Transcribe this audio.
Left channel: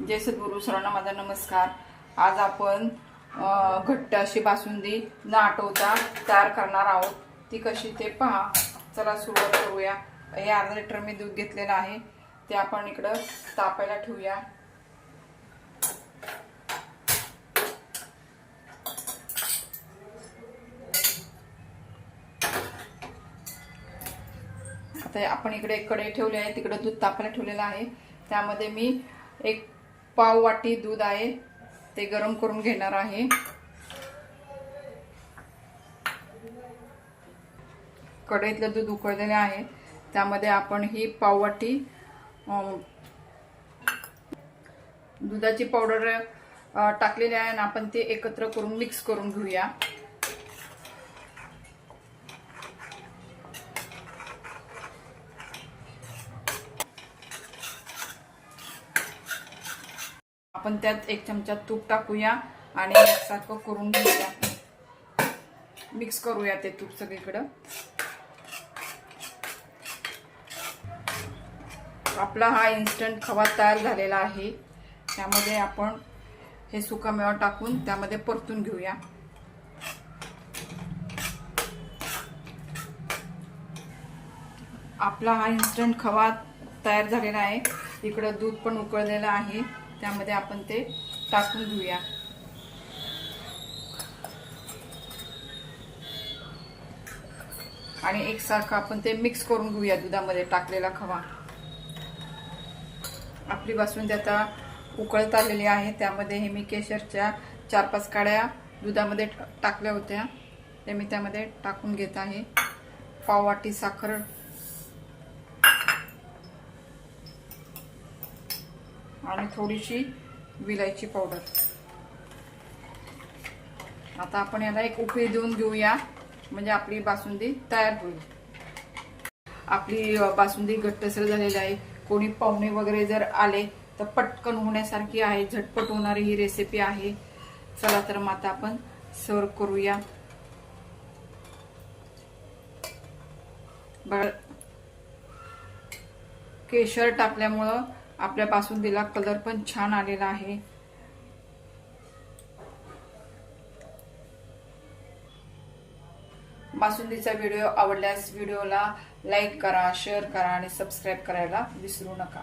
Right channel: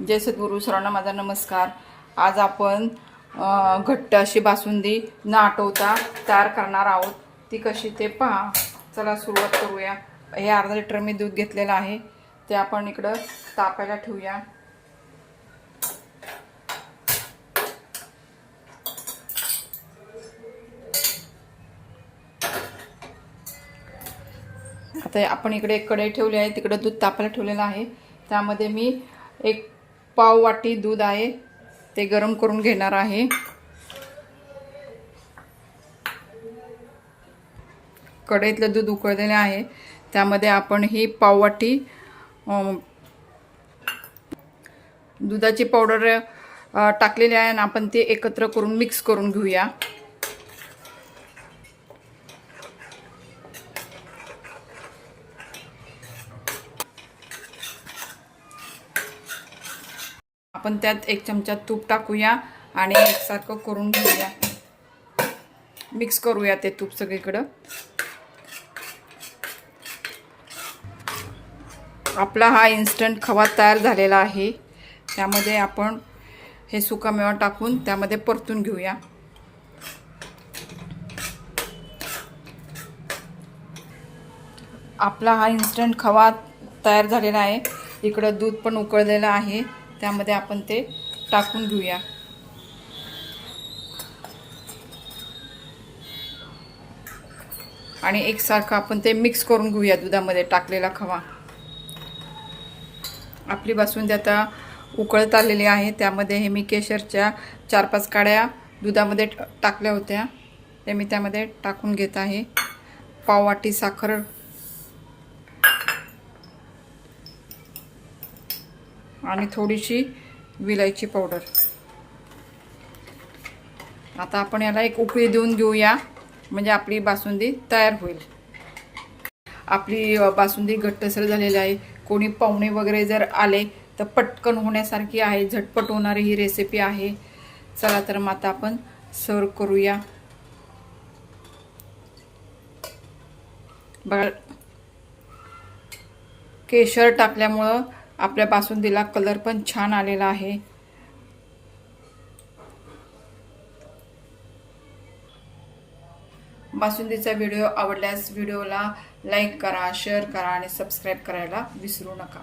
जय सद्गुरू सर्वांना माझा नमस्कार. आज आपण घट्ट अशी बासुंदी न आटवता तयार करणार आहोत. ती कशी ते पहा. चला सुरुवात करूया. हे अर्धा लिटर मी दूध घेतलेलं आहे. ते आपण इकडं तापायला ठेवूया. आता आपण इकडे एक कढई ठेवली आहे. तिकडं दूध तापायला ठेवलेलं आहे. त्यामध्ये मी एक पाव वाटी दूध आहे ते गरम करून घेणार आहे. कढईतलं दूध उकळलेलं आहे त्यामध्ये आपण ही पाववाटी दुधाची पावडर टाकलेली आहे आणि आपण ते एकत्र करून मिक्स करून घेऊया. आपण त्यात एक चमचा तूप टाकूया आणि एकसारखं करून घेऊया. मिक्स करूया ते तूप सगळीकडं. आपला हा इन्स्टंट खवा तयार झालेला आहे. त्यामध्ये आपण हे सुकामेवा टाकून त्यामध्ये परतून घेऊया. आपला हा इन्स्टंट खवा तयार झालेला आहे. इकडं दूध पण उकळलेलं आहे. त्यामध्ये आपण ते टाकून घेऊया. आणि एकसारखं आपण ते मिक्स करून घेऊया दुधामध्ये टाकलेला खवा. आपली बासुंदी आता उकळत आलेली आहे. त्यामध्ये हे मी केशरच्या चार पाच काड्या दुधामध्ये ट- टाकल्या होत्या. ते मी त्यामध्ये टाकून घेत आहे. पाववाटी साखर आणि थोडीशी विलायची पावडर आता आपण याला एक उकळी देऊन घेऊया. म्हणजे आपली बासुंदी तयार होईल. आपली बासुंदी घट्टसर झालेली आहे. कोणी पाहुणे वगैरे जर आले तर पटकन होण्यासारखी आहे. झटपट होणारी ही रेसिपी आहे. चला तर मग आता आपण सर्व करूया. बघा. केशर टाकल्यामुळं आपल्या बासुंदीला कलर पण छान आलेला आहे. बासुंदीचा व्हिडिओ आवडल्यास व्हिडिओला लाईक करा शेअर करा आणि सबस्क्राईब करायला विसरू नका.